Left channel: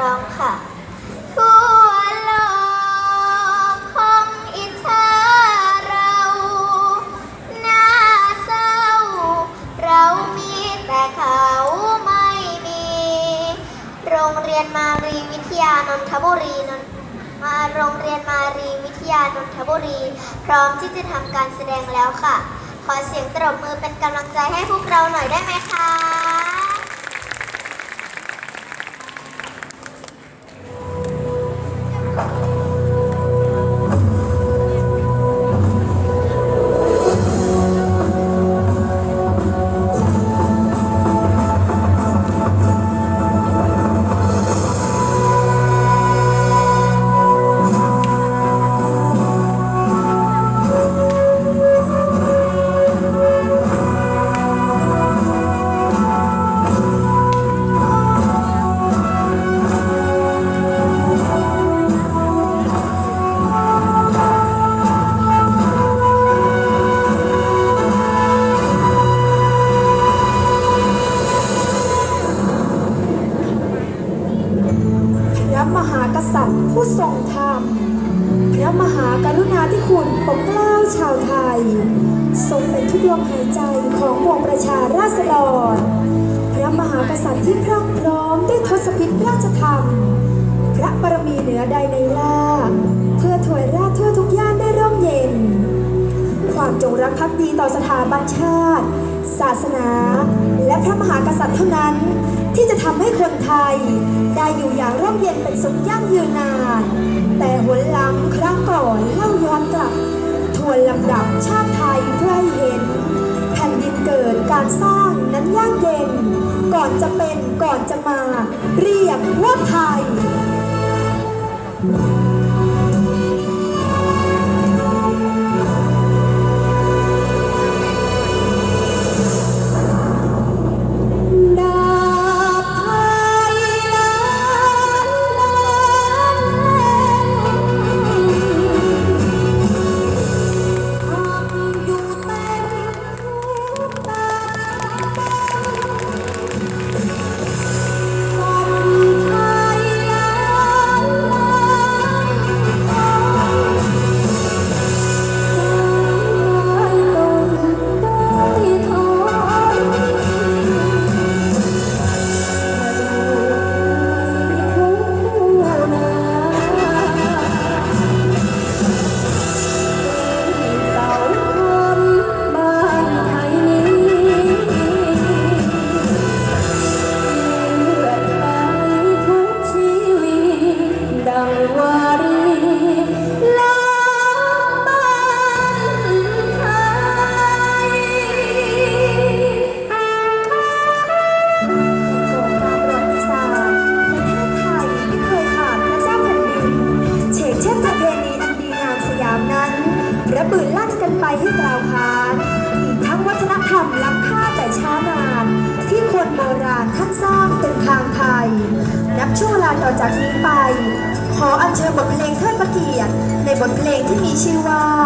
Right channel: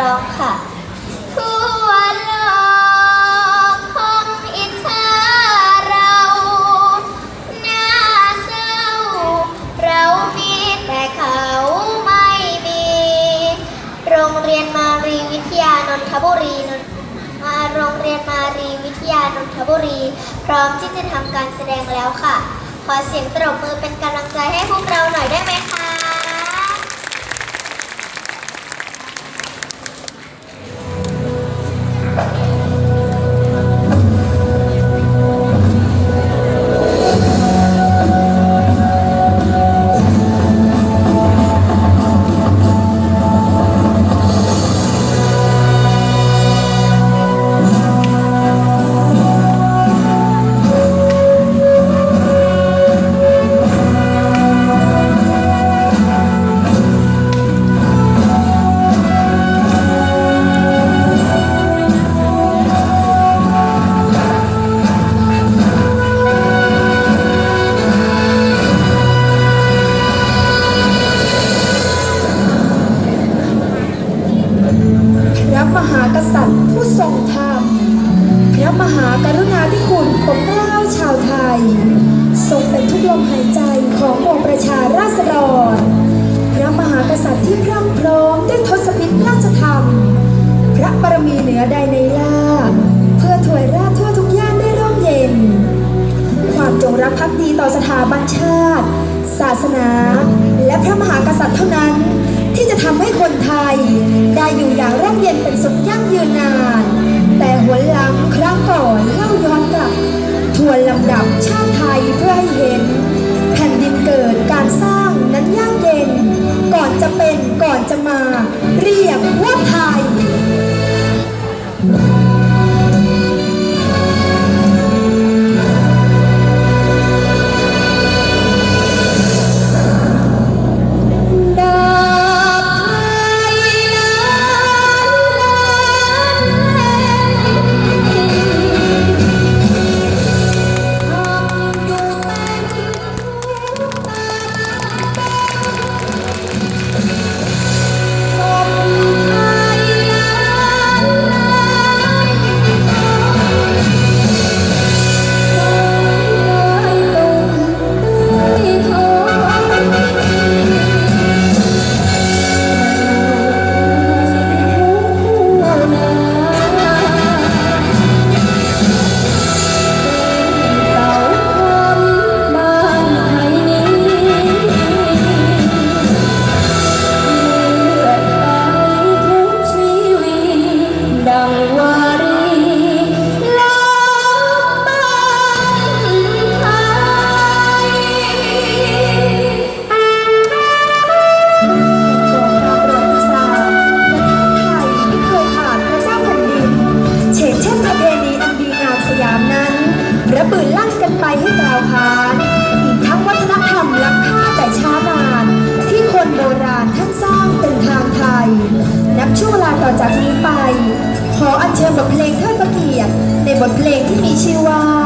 ร้องค่ะทั่วโลกคงอิจฉาเราน้าเศร้า เรามีแต่เขาไม่มี โรงเรียนมารีวิทยานนทบุรีนนมาโรงเรียนมารีวิทยานนทบุรี พร้อมที่จะทำการแสดงแล้วค่ะ ขอเสียงตบมือเป็นกำลังใจให้พวกเราหน่อยได้ไหมคะ มหากษัตริย์ผู้ทรงธรรมพระมหากรุณาธิคุณปกเกล้าชาวไทย ทรงเป็นทุกลมหายใจของมวงประชาราษฎร พระมหากษัตริย์ที่พรั่งพร้อมด้วยทศพิธราชธรรม เย็นเป็นสุขยั่งยืนนาน แต่หัวลังครั้งก่อนเล่าย้อนกลับ ทวนลำดับชาติไทยเพื่อให้เห็น แผ่นดินเกิดการสร้างนั้นยางเย็น ก่อนจะเป็นก่อนจะมา เรียกว่าไทย จากนี้ไป ขออัญเชิญบทเพลงเทิดพระเกียรติในบทเพลงที่มีชื่อว่า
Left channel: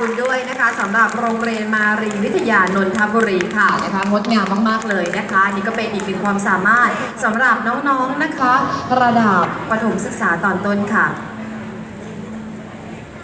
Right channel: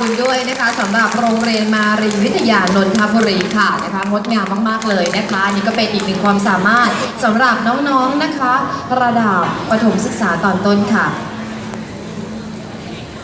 ดูด้วยนะคะสำหรับโรงเรียนมารีวิทยานนทบุรีค่ะนะคะงดงามมากๆเลยนะคะนนี่ก็เป็นอีกหนึ่งความสามารถสำหรับน้องๆนะคะ ระดับประถมศึกษาตอนต้นค่ะ